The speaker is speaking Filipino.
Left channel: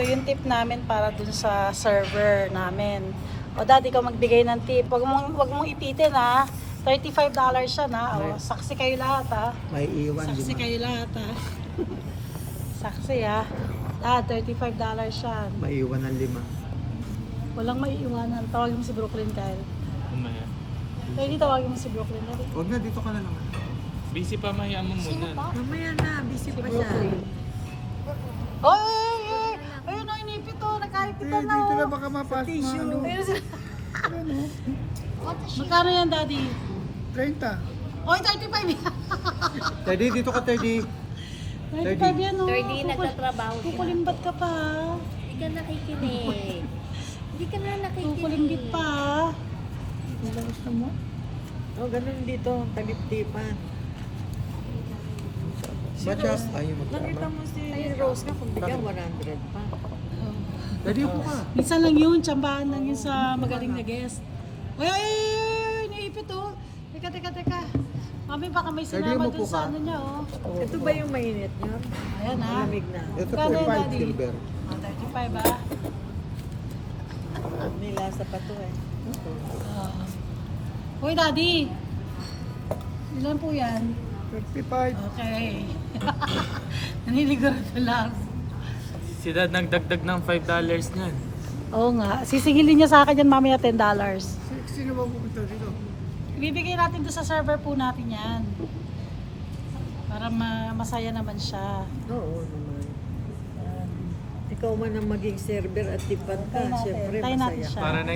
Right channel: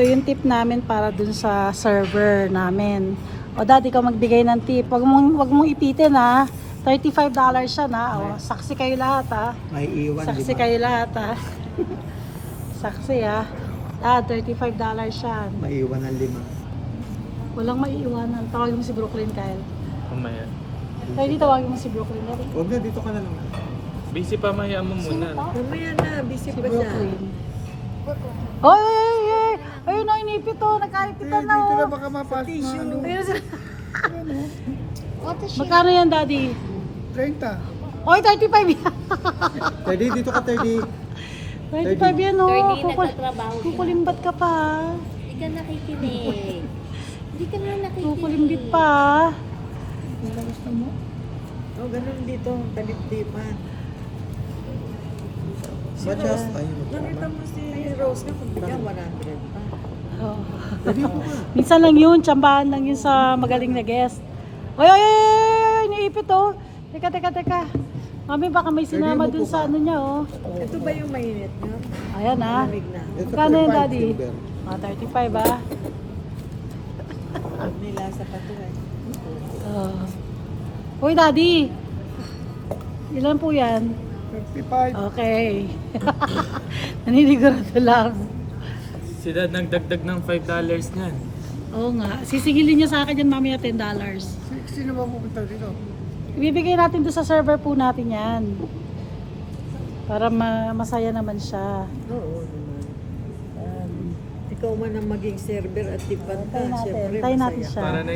Ito yung tip namin para dun sa server namin. O dati ka magbigay ng tip. Wag mong ipitin ha. $35 siya na. O, saksi kayo lahat ha. May iwan, Saksi di ba? kayo lahat ha. Saksi ha. $35 siya. May iwan ng 5. Walang maiiwanan. Tawagin mo si Brooklyn Kyle. Mamaya. Kaya di tawagin mo si Brooklyn. Huwag na, dito ka na lang. Busy pa, maya mo muna. No? Mamaya na, busy pa siya. Oy, oy, oy! Ayun na, inipit to. Nagkakita na. Dito na oh. baka mapasok na ano. Ayun sila. Magkano yan, Daddy? 30. Oy, 35 yan. Teddy, dito ka, Teddy. 35 yan, oh. Attorney, nagtatrabaho siya. Kukulimbat ka pa. Hindi ka nakikinig. Hindi ka na nakikinig. Kukulimbit pa. Oh, ganun dito, talip-tipan. Ba't Nakita mo si Rose ka, kung bigyan 100 pa. Oh. Teddy, upo ka. Minsan lang yun, tsambahan lang yun sa magaling na guest. Oy, oy, oy, oy, niipit oh. Teka. Mami, baka may sinama Pwede dun mo sa po ka? ano niya oh. Ito ba yung mainit niya? Ayan ah. Malamig na. Ito Magkano po yan, 5 Daddy? silver. 35 ah. May lasa pa to eh. Uy, Daddy. Ilan po yan? 35. Okay. Naninigurado lang. Si Dad nagdagdag ng $5 niyan. Oo nga. Sisingilin niya sa akin yan mamaya $10. Sino ba pupunta dito? Ibibigay natin doon sa server po natin yan. Para masaya naman siya. Oo naman. Ikaw man ang maging server at tipan ka, Tayo natin. syempre Tayo natin masaya. siya. Para na